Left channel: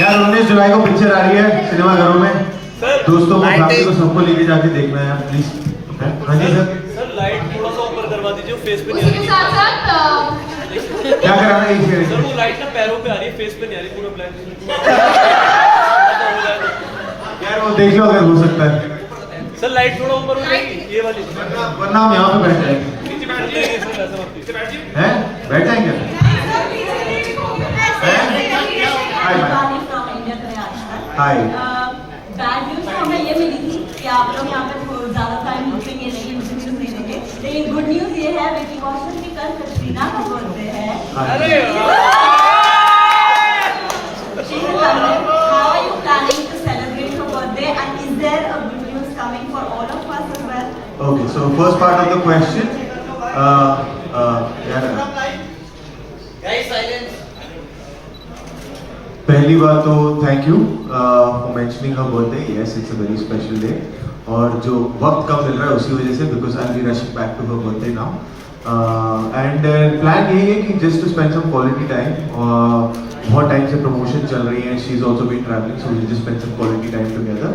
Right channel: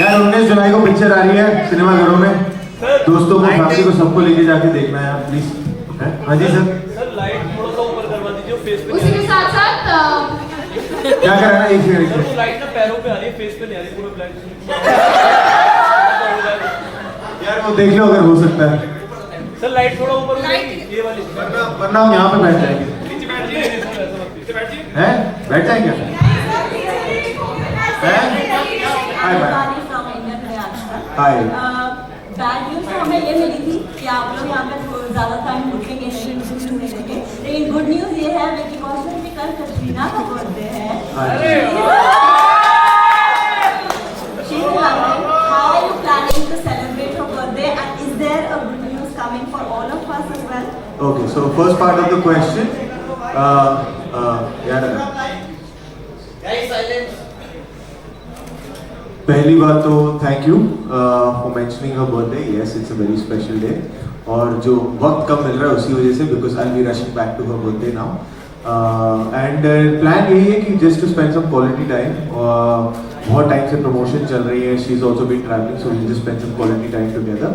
यार 19 जुलाई को पिक्चर आ रही है सिनेमाघरों में, दोस्तों को फैमिली को सबको लेके जाके देखना है प्लीज। हाँ जी सर। सर लाइट थोड़ा सा ऊपर करवा दीजिए, फेस पे नहीं आ उसके रही। साथ साथ क्या कराना है इसे? सर वो लाइट ना पैरों पे आ रही है, फेस पे नहीं आ रही, पूरा ब्लैक। यार वो देख लो अगर हो सकता है, सर लाइट थोड़ा ऊपर हो जाएगी, ये वाली। वरना हम यहाँ पे बैठ जाएंगे। नीचे बैठ जाइए, नीचे बैठ जाइए। हैं? बैठ जाएंगे? हाय। बैड न्यूज तो हमें ये मिली थी कि आप लोग यहाँ पे ज्यादा टाइम रुकेंगे नहीं, इंटरव्यूज नहीं देंगे। लेकिन गुड न्यूज ये है विकी कौशल की कल कटरीना का बर्थडे है। अरे How are you planning to celebrate her birthday, and is there a good news coming for all of us as well? Okay, so first part of the question, यार पहली बात तो thank you for mentioning her birthday. Yes, it's a very special day, और जो वक्त कम मिल रहा है उसी वजह से, because I be rushing back to her birthday now, and plan यही है कि just to spend some quality time. बहुत टाइम से प्रमोशन चल रही है, she is also been travelling, so we just spend some quality time together.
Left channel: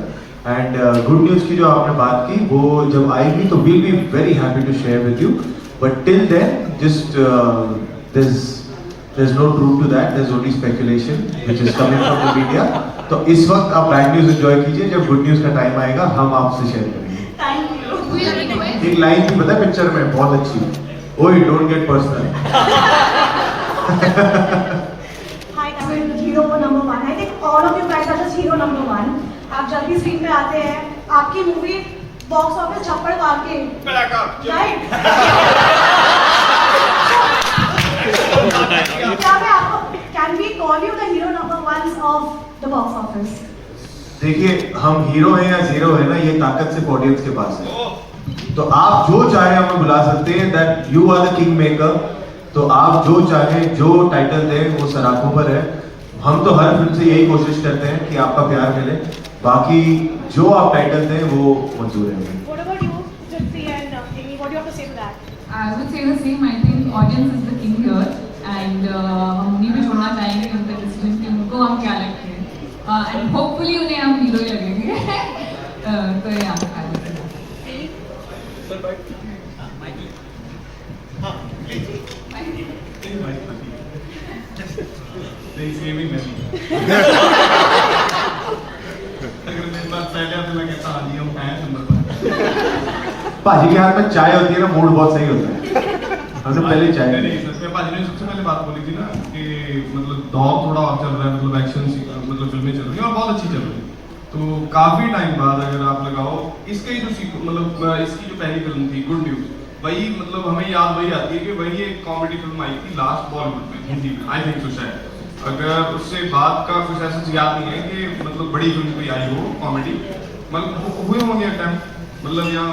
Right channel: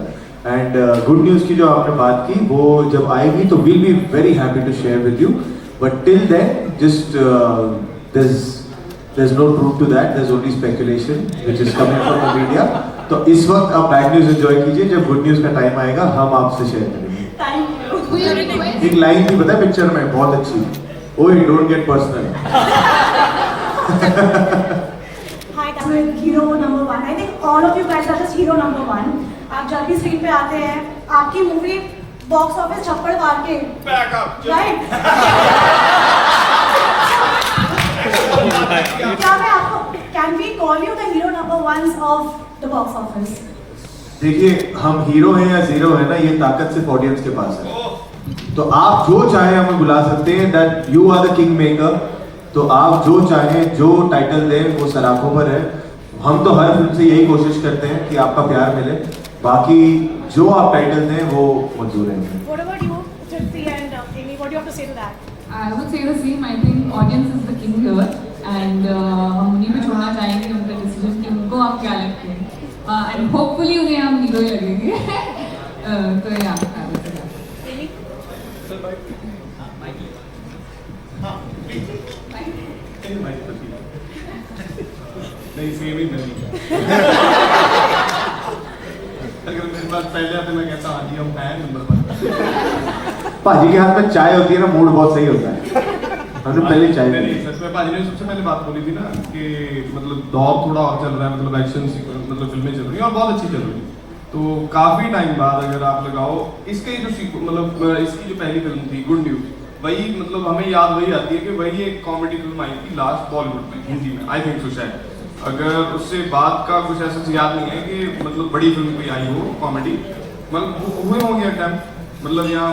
And good news की जो आपने बात की वो जब आएगी तो we'll be very happy to share with you, but till then just there's no proof to that, there's only speculation which is coming from the media. तो इस वक्त आप बैड न्यूज़ एंजॉय कीजिए, जब गुड न्यूज़ का time आएगा हम आपसे शेयर करेंगे। Thank you. we'll request एक लाइन थी पता है पिक्चर में बहुत अच्छी, ओए don't get personal. Hi, Tamil hero number one. I think all of you guys are just hero number one. आप जल्दी स्क्रीन पे आते हैं, आपकी मूवी बॉक्स ऑफिस छप्पड़ मार के, right? Can we call you the hero number ones of the box office? देखिए हम हीरो हैं या जीरो है ना, ये ताकत सिर्फ ऑडियंस के पास है। तो आप जो चाहे हमें बुला सकते हैं, that you are the king maker. तो आप जो चाहे जो टाइटल दें वो सराखों पर है। हम तो हर फिल्म से यही कोशिश करते हैं कि आपका प्यार मिले, बाकी जो आप टाइटल दें वो मंजूर है। What about you, Jyoti and Amy? What do you have to say to that? I would say the same. I think audience is the king here, and हम भी वहाँ जाएंगे उनका डिसीजन कि उनको हम क्या लगते हैं, and hopefully उन्हें हम हीरो लगेंगे। तो ये आप कर लीजिए। नहीं सेम ही नहीं। अगर मेरे पास पहले आते मैं कहता हाँ जी हम हैं नंबर पर। भाजी के हाथ में चाय होती है ना, मूड बहुत सही होता है। हमने पहले चाय नहीं पी। नहीं, सच में भाजी ने सबसे पहले बात बोली थी ना कि मतलब दौर थोड़ा और चल रहा है, मतलब एक्शन सीक्वेंस मतलब फिल्में चल रही हैं और बहुत अच्छी चल रही है। तो काफी टाइम बाद अगर आप लगाओ इसके जो मतलब इसकी जो पहली फिल्म थी गुड न्यूज, वही मतलब हमें याद वही आती है कि वही एक कॉमेडी फिल्म आई थी लास्ट बॉलीवुड में हिंदी में, आई थिंक सो शायद। अगर उससे बाद का कुछ ऐसा याद नहीं है कि मतलब बड़ी फिल्म कोई आई हो कॉमेडी, मतलब हुए होंगे अटैम्प्ट, मतलब यहाँ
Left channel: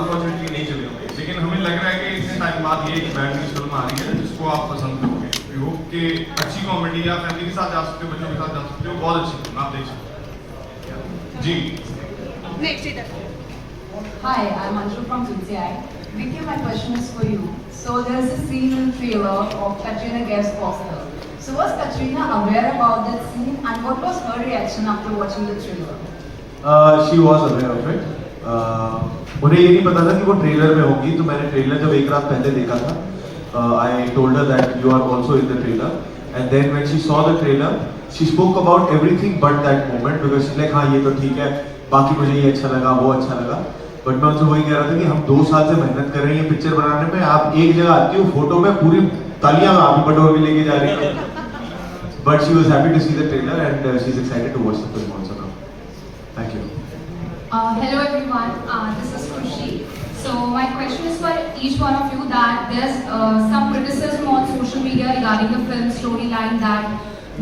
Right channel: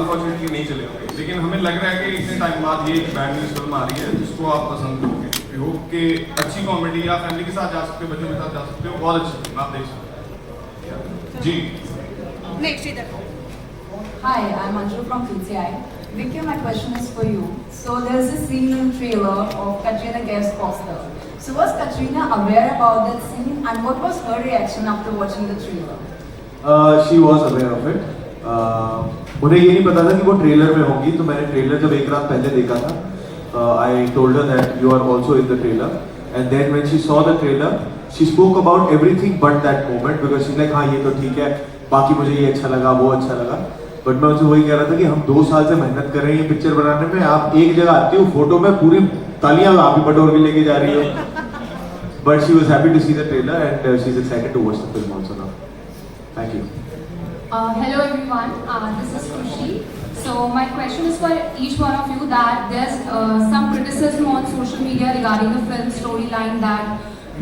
अनफॉर्चुनेटली नहीं चले होंगे, लेकिन हमें लग रहा है कि इतने टाइम बाद ये एक बैड न्यूज फिल्म आ रही है जिसको आप पसंद करोगे। होप कि अच्छी कॉमेडी या फैमिली के साथ जा सकते हो, बच्चों के साथ जा सकते हो, बहुत अच्छी फिल्म आप देख सकते हो जी। Next, either. Hi, I'm Anju from CCI. Vicky, my question is for you. So there's a scene in trailer of Katrina Kaif's poster. So was Katrina aware about that scene, and what was her reaction after watching the trailer? She was aware of it. उन्हें ये नहीं पता था कि वो trailer में होगी, तो मैंने ट्रेलर जब एक रात पहले देखा था, I told her that you are also in the trailer, and then when she saw the trailer, she spoke about everything but that moment because she's like हाँ ये तो ठीक है, बाकी मुझे ये अच्छा लगा वो अच्छा लगा। बट मैं उनसे वही कह रहा था कि हम 2 साल से मेहनत कर रहे हैं ये पिक्चर बनाने में, आप एक जगह आती हो फोटो में पूरी तालियां आप ही बटोर के लेके जा रही है। But she was happy to see the trailer and she is excited to watch the film also now. Thank you. hello everyone, this is Khushi. So my question is for each one of you that there's some criticism on social media regarding the film storyline that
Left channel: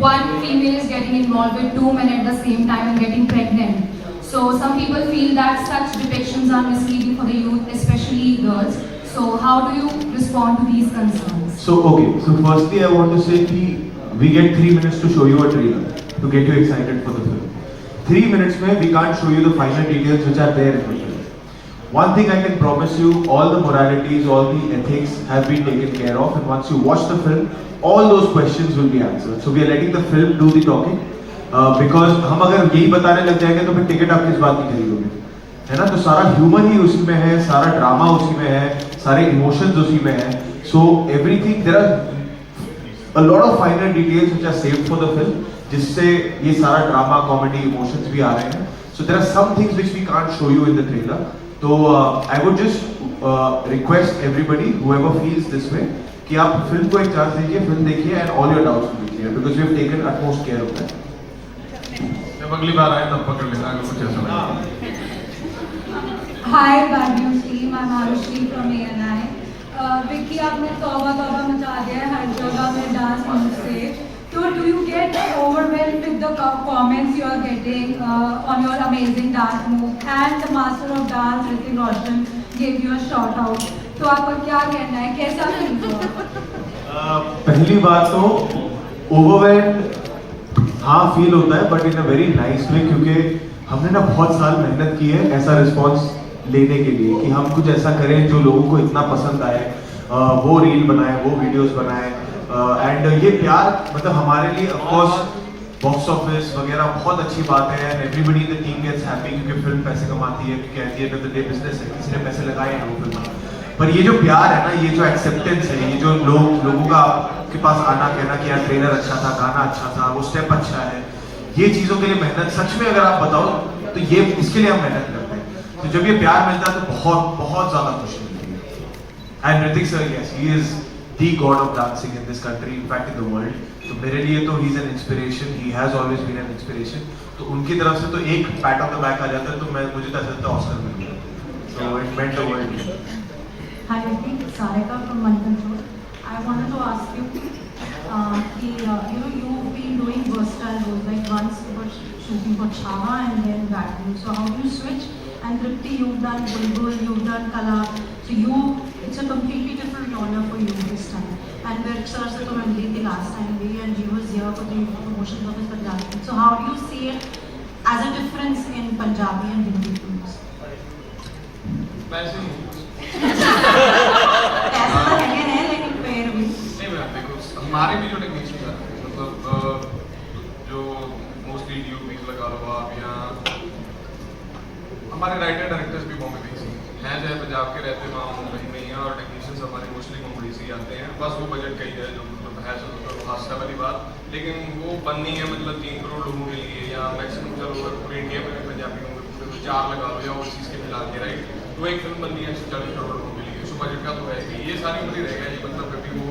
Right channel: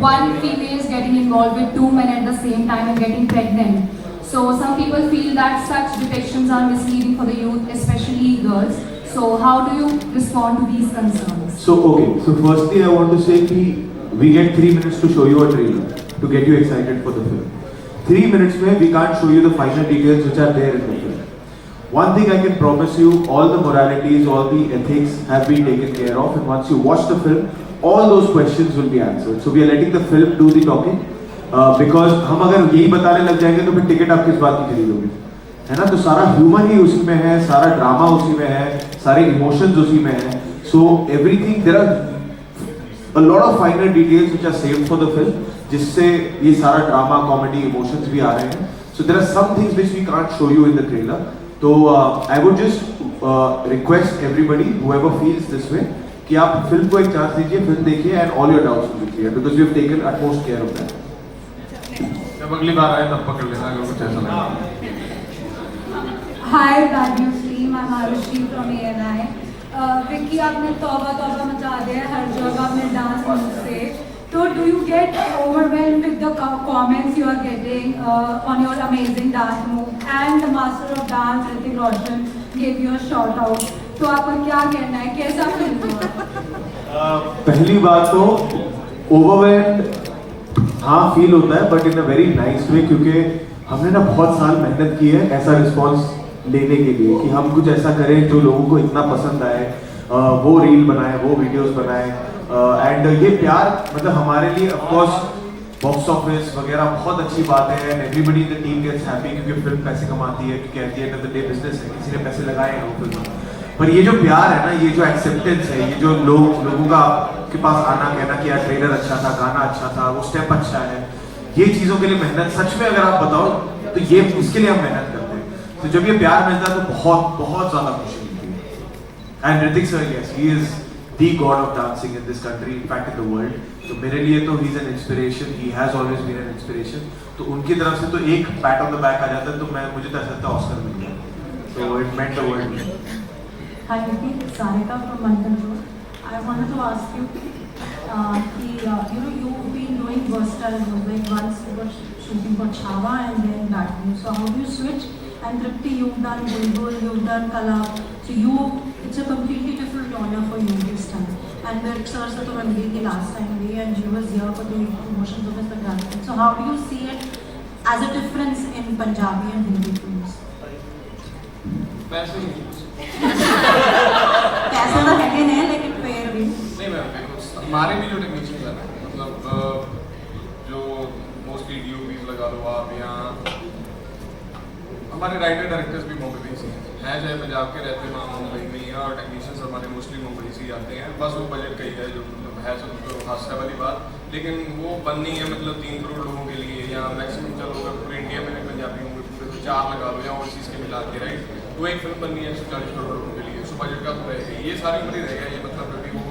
one female is getting involved with 2 men at the same time and getting pregnant. So some people feel that such depictions are misleading for the youth, especially girls. So how do you respond to these concerns? So okay, so firstly I want to say कि we get 3 minutes to show you a trailer to get you excited for the film. 3 minutes में we can't show you the final details which are there in the film. One thing I can promise you, all the moralities, all the ethics have been taken care of, and once you watch the film, all those questions will be answered. So we are letting the film do the talking. Because हम अगर यही बताने लग जाएंगे तो फिर ticket आप किस बात की खरीदोगे, है ना? तो सारा ह्यूमर ही उसी में है, सारा ड्रामा उसी में है, सारे इमोशंस उसी में है. So everything, there are a lot of finer details which are saved for the film, जिससे ये सारा ड्रामा, कॉमेडी, इमोशंस भी आ रहे हैं. So there are some things which we can't show you in the trailer. So I would just request everybody, whoever feels this way, कि आप film को एक चांस दीजिए, फिल्म देखिए and all your doubts will be clear because we have taken utmost care of that. जब अगली बार आए तब पकड़ लेना अगर कुछ ऐसा ना. Hi, Bad News team. I'm Arushi from ANI. Vicky, आपने तौबा तौबा मचा दिया है हर जगह में डांस मूव से. तो do you get overwhelmed with the comments you are getting on your amazing dance move? And the master of dance, Hrithik Roshan, gave you a shout out. तो आपका क्या कहना है, कैसा फील हुआ? पहली बात तो ओवरवेल्ड हाँ फील होता है, but in a very nice way, क्योंकि हमने ना बहुत साल मेहनत की है ऐसा रिस्पॉन्स लेने के लिए कि हम कुछ ऐसा करें जो लोगों को इतना पसंद आए, वो रील बनाए, वो वीडियोस बनाए. एंड ये प्यार मतलब हमारे लिए ऑफ कोर्स बॉक्स ऑफिस वगैरह बहुत अच्छी बात है and everybody in the team gets happy क्योंकि फिल्म पैसे कमाती है, क्योंकि at the end of the day business है, किसी ने पैसे लगाए हैं वो फिल्म में. पर ये जो प्यार है ना, ये जो एक्सेप्टेंस है, ये जो लोगों का के पास आना कहना कि यार ट्रेलर अच्छा था, गाना अच्छा था, वो स्टेप अच्छा है, ये चीज़ों के लिए मेहनत सच में अगर आप बताओ तो ये इसके लिए हम मेहनत करते हैं. तो जब ये प्यार मिलता है तो बहुत बहुत ज़्यादा खुशी मिलती है. And Hrithik sir, yes, he is the god of dancing in this country, in fact in the world. तो मेरे लिए तो he is an inspiration, he has always been an inspiration. तो उनकी तरफ से तो एक पैट ऑन द बैक आ जाता है तो मुझे तो ऐसा लगता है ऑस्कर मिल गया. So it meant the world. Hi, Vicky. It's Sarika from Mangalore. I wanted to ask you, you've been doing versatile roles. Like once you were shooting for Chhava and then Bad News. So how do you switch? And Tripti, you've done Bulbul, you've done Kala. So it's a completely different genre for you this time. And the Aksara se to gई थी last time भी, and she was here for the promotion for the Punjabi. So how do you see it as a difference in Punjabi and Hindi films? वैसे ही ऐसा तो है नहीं, लेकिन फिर भी नहीं, मैं देखो हमारे भी जो टेक्नीशियंस हैं मतलब जो मोस्टली डीओपीज लगा लो आप, यहाँ हमारे राइटर डायरेक्टर्स भी बॉम्बे में ही हैं, जैसे पंजाब के रहते हैं मुंबई में ही, और टेक्नीशियंस हमारे मोस्टली मुंबई से ही आते हैं. बस वो बजट कहीं है जो मतलब है तो हादसा वाली बात, लेकिन वो बंद नहीं है मतलब 3 करोड़ लोगों के लिए, या मैक्सिमम जब इंडिया में भी पंजाबी मूवी 4 लगा लो या ओवरसीज के मिला के, राइट. तो एक फिल्म बननी है 140 करोड़ लोगों के लिए, उस बजट का तो रहेगा, ये सारी उम्मीद रहेगा. ये मतलब कभी वो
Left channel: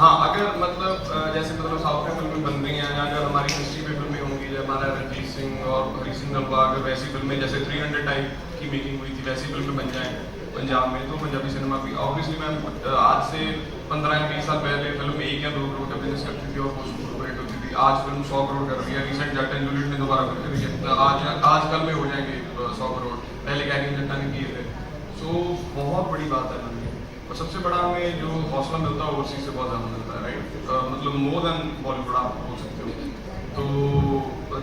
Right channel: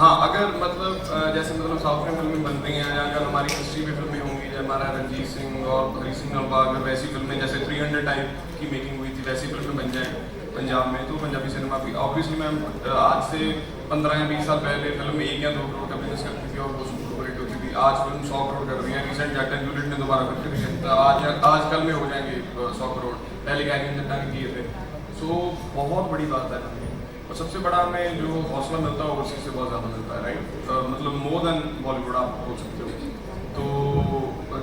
हाँ अगर मतलब जैसे मतलब साउथ में फिल्में बन रही हैं, या अगर हमारी हिस्ट्री में फिल्में होंगी, जैसे हमारा रणजीत सिंह और हरी सिंह नलवार वैसी फिल्में जैसे 300 टाइप की मेकिंग हुई थी, वैसी फिल्में बन जाएँ पंजाब में, तो पंजाबी सिनेमा की ऑब्वियसली मैम आज से 15-20 साल पहले फिल्म 1 या 2 करोड़ का बिजनेस करती थी और वो रेट होती थी. आज फिल्म 100 करोड़ कर रही है. रिसेंट जट एंड जूलियट ने दोबारा करके दिए, तो आज कल में हो जाएंगे 100 करोड़. पहले कैरियन जट्टा ने किए थे. सो बहुत बड़ी बात है. और सबसे बड़ा हमें जो हौसला मिलता है उसी से बहुत ज़्यादा मिलता है, राइट. मतलब मोर देन बॉलीवुड आप बोल सकते हो. तो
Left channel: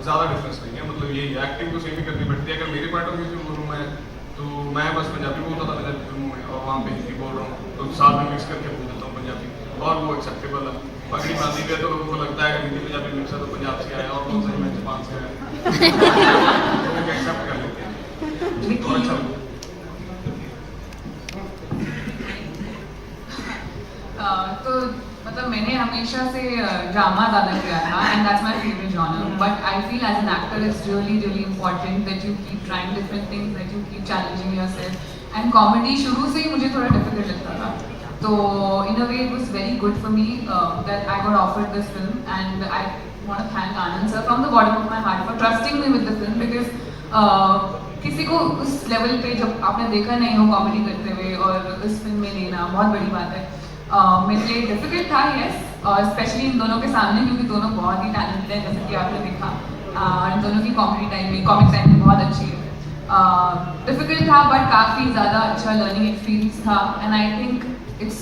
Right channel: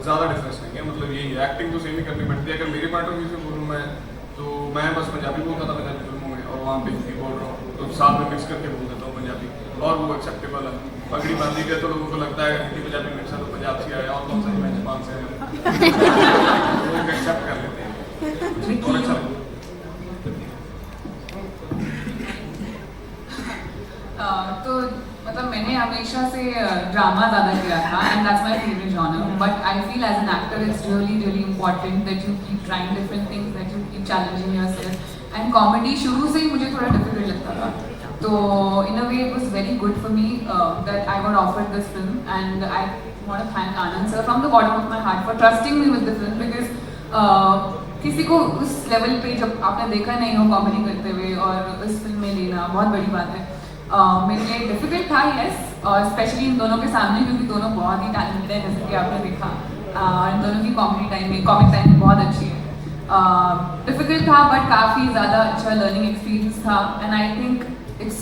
ज़्यादा डिफरेंस नहीं है, मतलब यही एक्टिंग तो सेम ही करनी पड़ती है. अगर मेरे पॉइंट ऑफ व्यू से बोलूँ मैं, तो मैं बस पंजाबी बोलता था पंजाबी फिल्मों में, और वहाँ पे हिंदी बोल रहा हूँ, तो साथ में मिक्स करके बोल देता हूँ पंजाबी, और वो एक्सेप्टेबल है. पगड़ी बांधी पे तो उनको लगता है हिंदी पंजाबी मिक्स है तो पंजाब से आया, और कौन सा मैं जबान से आया, तो एक्सेप्ट कर लेते हैं. और अच्छा तो मतलब मैंने हमेशा से ड्रामा ज़्यादा किया था and that's my favourite genre. But I feel as an actor it's really important that you keep trying different things, that you keep challenging yourself. And comedy शुरू से ही मुझे थोड़ा डिफिकल्ट लगता था, तो in a way it was very good for me that I got offered this film. And I want to thank Anand sir from the bottom of my heart for trusting me with the film, because किसी को उस level पे जब आपने देखा नहीं हो comedy करते हुए और उस फिल्म में लेना बहुत बड़ी बात है. मेरे लिए डिफिकल्ट था, यस, और स्पेशली इन दोनों के सामने, क्योंकि दोनों बहुत ही टैलेंटेड है जैसे कि आपने देखा. इन दोनों की कॉमिक टाइमिंग बहुत अच्छी है. डिफिकल्ट था बट काफ़ी ज़्यादा अच्छा लर्निंग एक्सपीरियंस था. And I think it's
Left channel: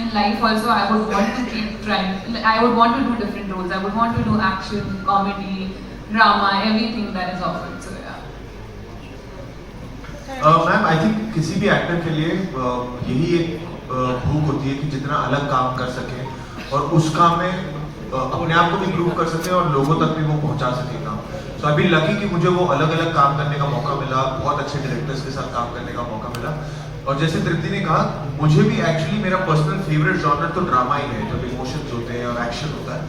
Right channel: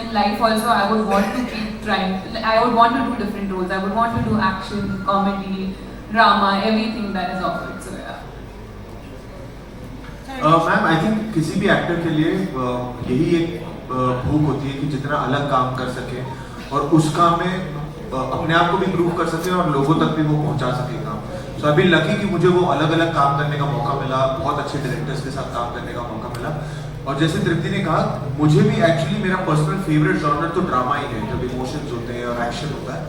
in life also I would want to keep trying. I would want to do different roles. I would want to do action, comedy, drama, everything that is offered. So yeah. Ma'am I think किसी भी actor के लिए यही एक भूख होती है कि जितना अलग काम कर सके और उस काम में अपने आप को भी इम्प्रूव कर सके और लोगों तक भी वो पहुंचा सके काम। तो अभी लकी कि मुझे वो अलग अलग काम करने का मौका मिला, बहुत अच्छे डायरेक्टर्स के साथ काम करने का मौका मिला। और जैसे तृप्ति ने कहा, मुझे भी एक्चुअली मेरा पर्सनल फेवरेट जॉनर तो ड्रामा ही है, जब इमोशंस होते हैं और एक्शन होता है।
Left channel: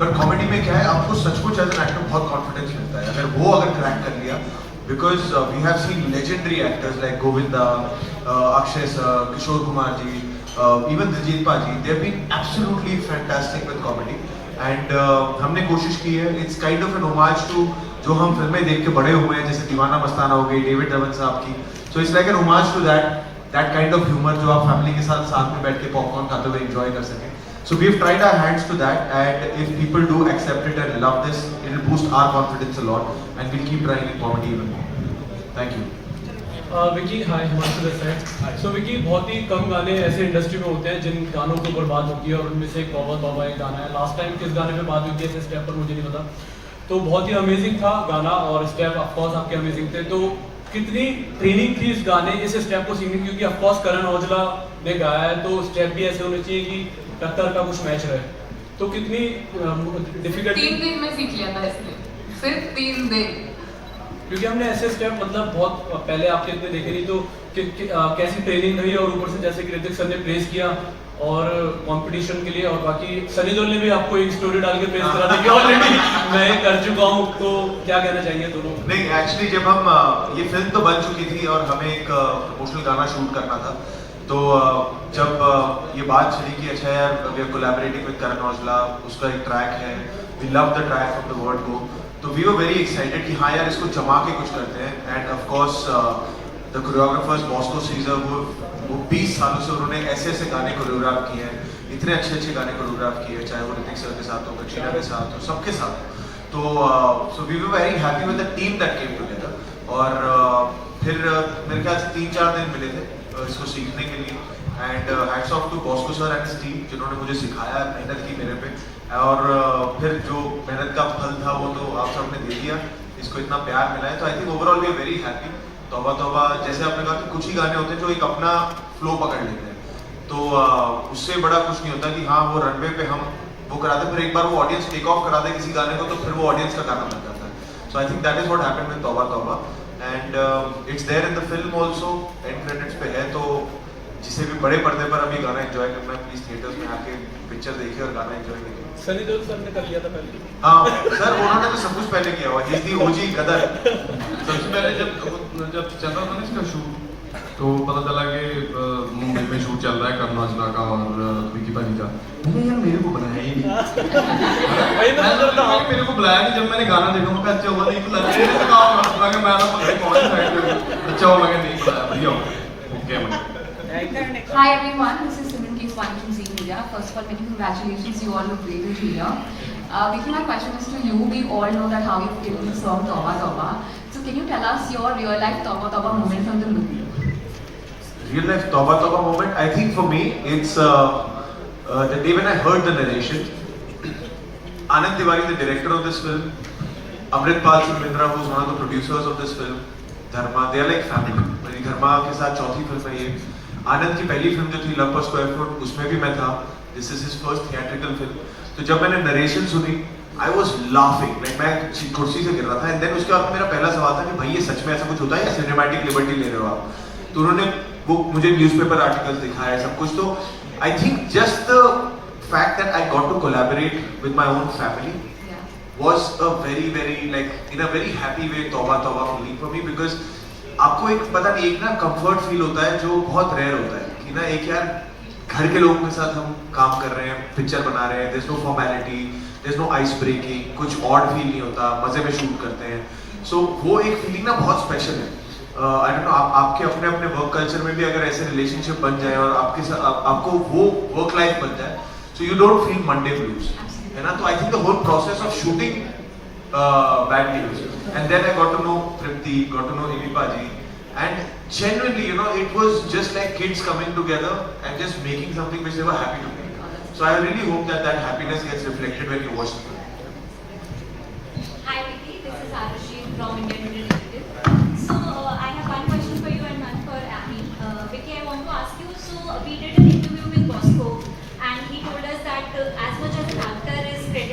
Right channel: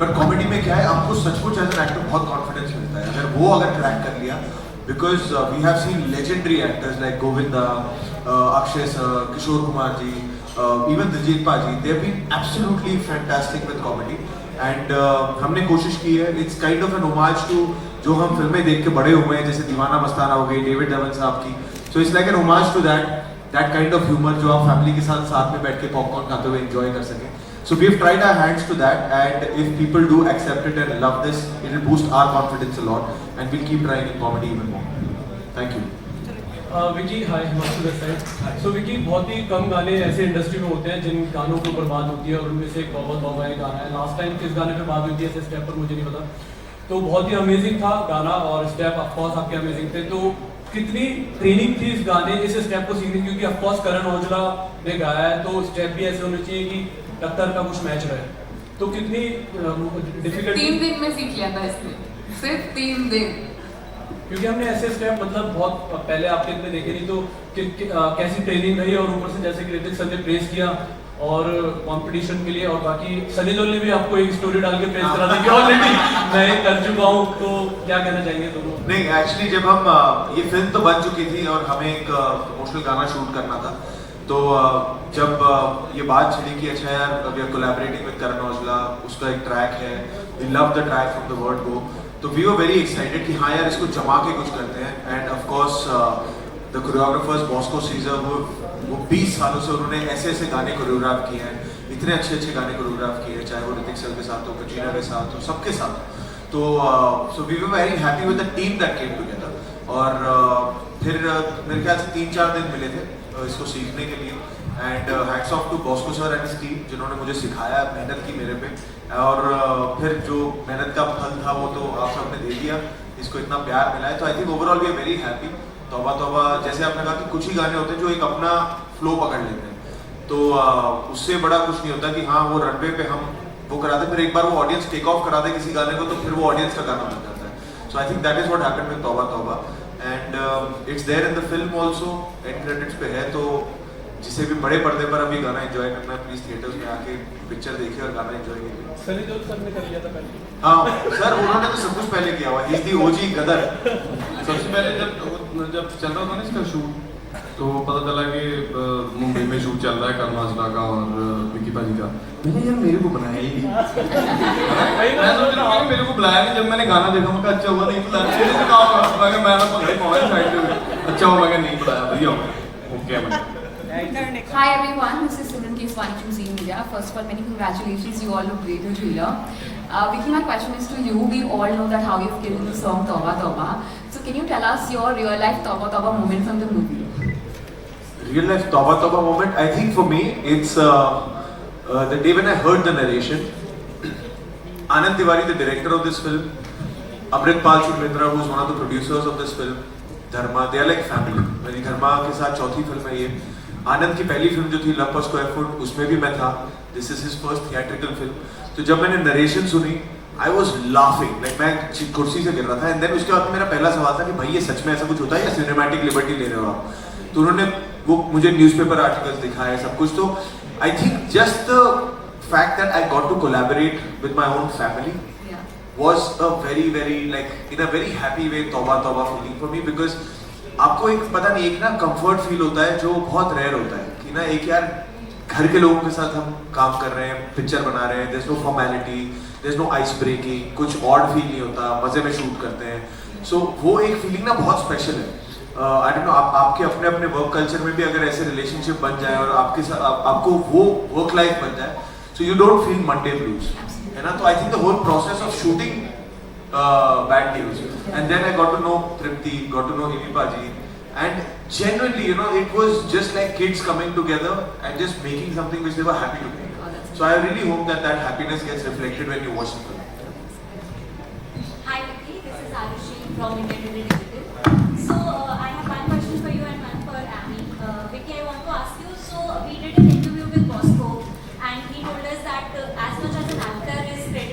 पर कॉमेडी में क्या है, आपको सचमुच एज एन एक्टर बहुत कॉन्फिडेंस मिलता है अगर वो क्रैक कर लिया। Because we have seen legendary actors like Govinda, Akshay sir, Kishore Kumar ji, even Diljit paaji, they have been absolutely fantastic with comedy. And हमने कोशिश की है, it's kind of an homage to जो हम फिल्में देख के बड़े हुए हैं, जैसे दीवाना मस्ताना हो गई डेविड धवन साहब की। So it's like an homage to that kind of humour जो आप फैमिली के साथ में बैठ के पॉपकॉर्न खाते हुए एंजॉय कर सकें। So we've tried our hands to that, and if people do accept it and love this, it will boost our confidence a lot, and we'll keep trying in comedy even more. Thank you. Vicky, hi, Himanshu this side. So Vicky, बहुत ही कम गाने ऐसे industry में होते हैं जिन गानों को बर्बाद होती है, और उनमें से एक तौबा तौबा एक गाना है। लास्ट टाइम किस गाने पे बात हुई थी ऐसे स्टेप पर मुझे नहीं पता, तो बहुत ही अमेजिंग था गाना, और स्टेप ऑफकोर्स आपके अमेजिंग थे। तो कितनी ट्रेनिंग थी इस गाने, इस स्टेप को सीखने की? क्योंकि ऑफकोर्स करण औजला ने गाया है, तो स्टेप भी ऐसे होने चाहिए कि टक्कर का कुछ मैच रहे। तो कितनी डिफिकल्ट? 3 दिन में सीख लिया था इसलिए, सिर्फ 3 दिन। क्योंकि हमने ऐसे स्टेप मतलब बहुत पहले आपके इतने देखे नहीं, तो कैसी ट्रेनिंग रही? और ऊपर से जैसे कृतिक सर ने प्रेस किया और कंपटीशन के लिए, और बाकी सनी देओल ने भी आपको एक स्टोरी डाल के प्रेस करा था कि ऑलरेडी मैं कर चुका हूँ, तो क्या कहना चाहिए दोनों? नहीं, एक्चुअली जब हम ये फिल्म तो बन चुकी थी और हमें एक इमोशनल गाना शूट करना था, तो जब ये बात चली कि अच्छा यार we are collaborating with Karan Aujla, उसका एक ट्रैक है, we love the track from the word go, तो वी वर वेरी एक्साइटेड कि हाँ यार इसको जमा के कुछ करते हैं। And of course the choreographers Bosco Caesar, वो 20 सालों से उन्होंने ऐसे गाने कोरियोग्राफ किए हैं, इतने अच्छे गाने कोरियोग्राफ किए हैं, चाहे वो ऋतिक सर के साथ हो, कटरीना के साथ हो, सबके साथ। तो so we were very happy with the team that came together. और फिर मेरे ख्याल से 3-4 दिन मिले थे इसको सीखने के लिए। And hats off to Bosco sir and his team, जिन्होंने मुझे सिखाया, मेहनत की मेरे पे, और फिर जो मेहनत का फल था वो तो आप सबने दे दिया, इसको इतना प्यार मिला है। तो I think overall we are very happy. Tauba Tauba, जैसे आपने कहा कि कुछ ही गाने होते हैं जो एक अपना फ्लो पकड़ लेते हैं, तो उससे बड़ा कुछ नहीं होता कि हाँ वो रनवे पे हम वो कराते, फिर एक बार वो ऑडियंस टेक ऑफ करा दे किसी गाने को, तो फिर वो ऑडियंस का गाना बन जाता है। So I think that is what happened with Tauba Tauba, and it's there in the film also, and credits पे है। तो जिसे भी बड़े पर्दे पर अभी गाना एंजॉय करना, प्लीज थिएटर्स में आके पिक्चर देखिए और गाना एंजॉय कीजिए। सनी देओल सर ने कर लिया था पहले। हाँ सर, उन्होंने तो सब कुछ पहले किया हुआ, ही इज द ओजी गदर। सबसे पहले जब चल रहा था ना इसका शूट, तो पता चला कि मुंबई में शूट चल रहा है करण औजला का और विकी पाजी का। मैंने यार मेरे को बनाया ही नहीं, मेरे को बुलाया नहीं। जब मैंने गाना देखा मैं अच्छा हुआ नहीं, लड़के से काम करता मैं अच्छा हुआ, मैं नहीं दिया। Okay, Hi everyone, this is Simran Keswani from Zee Media. First of all, many congratulations, you all look great in trailer. Vicky, my question is to you. We all know that how you've killed the song Tauba Tauba. So can you tell us your real life Tauba Tauba moment from the movie? Real life Tauba Tauba moment, I think for me, it's the day when I heard the narration. Anand Tiwari, the director of this film, Amritpal Singh Mitra, who is one of the producers of this film, Dharma, they are like family. मेरी धर्मा के साथ चौथी film है ये। आनंद की पहली film जो थी लव पर स्क्वायर फुट, उसमें भी मैं था। This is his first theatrical film. तो जब मैंने नरेशन सुनी, आई वाज लाफिंग, लाइक मैं कुर्सी से गिर रहा था। एंड देन उसके बाद मेरा पहला सवाल था कि भाई ये सच में ऐसा कुछ होता है या सिनेमैटिक लिबर्टी ले रहे हो आप? तो उन्होंने वो मुझे न्यूज़पेपर आर्टिकल्स दिखाए, सब कुछ। तो I think just the fact that I got to collaborate with my own family was a very like in a very happy way तौबा तौबा feeling for me, because आपको एक पता नहीं, एक ना कंफर्ट फील होता है जो बहुत रेयर होता है कि ना एक यार घर के लोगों के साथ हम काम कर रहे हैं, पिक्चर बना रहे हैं, there's no formality, there's no ice breaking, कुछ ऑड फील नहीं होता, मजे में शूट करते हैं। सो वो एक फीलिंग ना बहुत स्पेशल है। आई डोंट नो, आपके अपने अपने वर्क कल्चर में भी अगर ऐसे रिलेशनशिप बन जाए और आपके साथ आपको वो वर्क लाइफ बन जाए, so you don't feel Monday blues, है ना। तो I think the whole process of shooting bad news, and then I got to know Tripti, got to know Ammy paaji, and genuinely, you know, it was just like kids coming together and just making something which they were happy to make. So I really hope that that happiness gets reflected when you watch the film. Hi Vicky, this is Arushi from Indian Digital. So I have one question for you and one for Amy. Vicky, I want to ask you, so we did an interview with Bosco and he told us that as much as an actor is credited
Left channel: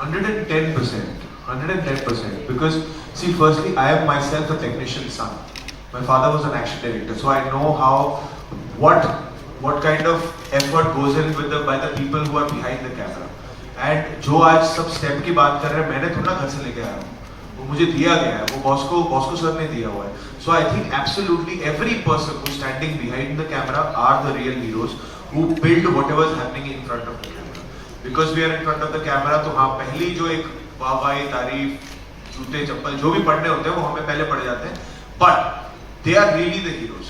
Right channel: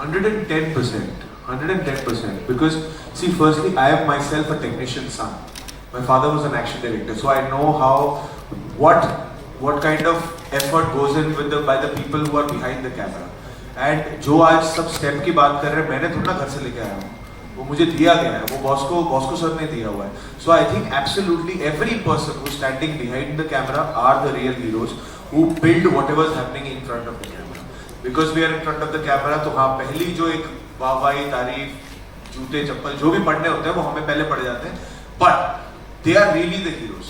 110%. 110%. Because, see, firstly, I am myself a technician son. My father was an action director, so I know what kind of effort goes in with by the people who are behind the camera. And जो आज सब step की बात कर रहे हैं, मैंने थोड़ा घर से लेके आया हूँ, वो मुझे दिया गया है, वो बॉस को सर ने दिया हुआ है. So I think absolutely every person who's standing behind the camera are the real heroes who build whatever is happening in front of the camera. Because we are in front of the camera, तो हाँ पहली जो एक वाहवाही तारीफ जूते चप्पल जो भी पढ़ने होते हैं वो हमें पहले पढ़ जाते हैं. But they are really the heroes.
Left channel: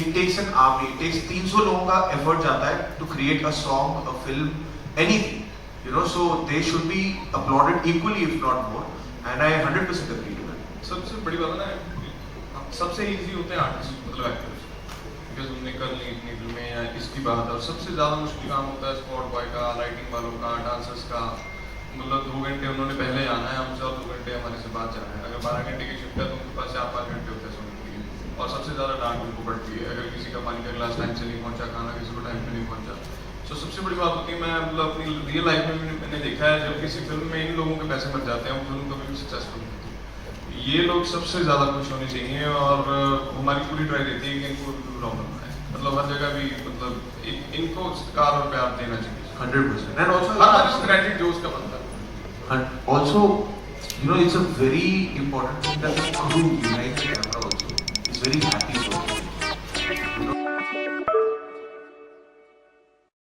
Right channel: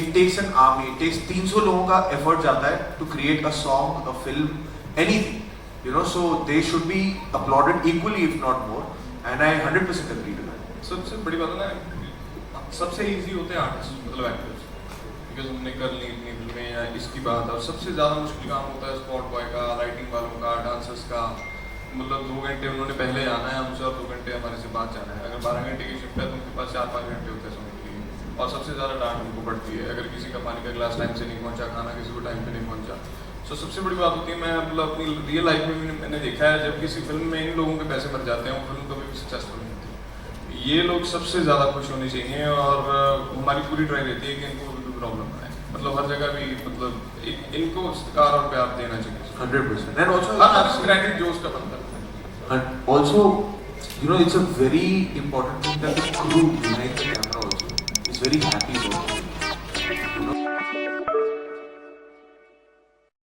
It takes an army, it takes 300 लोगों का effort जाता है to create a song, a film, anything. You know, so they should be applauded equally, if not more. And I 100% agree to that. सबसे बड़ी बात ना, सबसे easy होते हैं आर्टिस्ट, मतलब एक्टर्स, बिकॉज हमने कर ली इतनी फिल्में या इसकी बात, और सबसे ज़्यादा मुश्किल काम होता है स्पॉट बॉय का, लाइटिंग वालों का, डांसर्स का. मतलब 2 घंटे उन्होंने पहले आना है हमसे और 2 घंटे हमारे से बाद जाना है. अगर 12 घंटे की शिफ्ट है तो उनके पास 4-5 घंटे होते हैं समझ लीजिए. और सबसे ज़्यादा डांट उनको पड़ती है अगर किसी का पानी का गिलास टाइम से नहीं पहुँचा, खाना किसी को टाइम पे नहीं पहुँचा. तो सबसे बड़ी बात होती है, मैं मतलब अपनी रियल लाइफ में मैंने देखा है, जब किसी फिल्म में इन लोगों के पैसे बच जाते हैं, फिल्म कभी भी सक्सेसफुल नहीं होती. ये लोग सबसे ज़्यादा खुश होने चाहिए, और हमारी पूरी ट्राई रहती है कि इनको कोई प्रॉब्लम है, मतलब हर जगह भी मतलब इनको सत्कार और प्यार देना चाहिए. 100%. And also, क्रेडिट जो उसका बनता है. and also, you know, it's a very important thing that the crew behind the camera also is very happy for.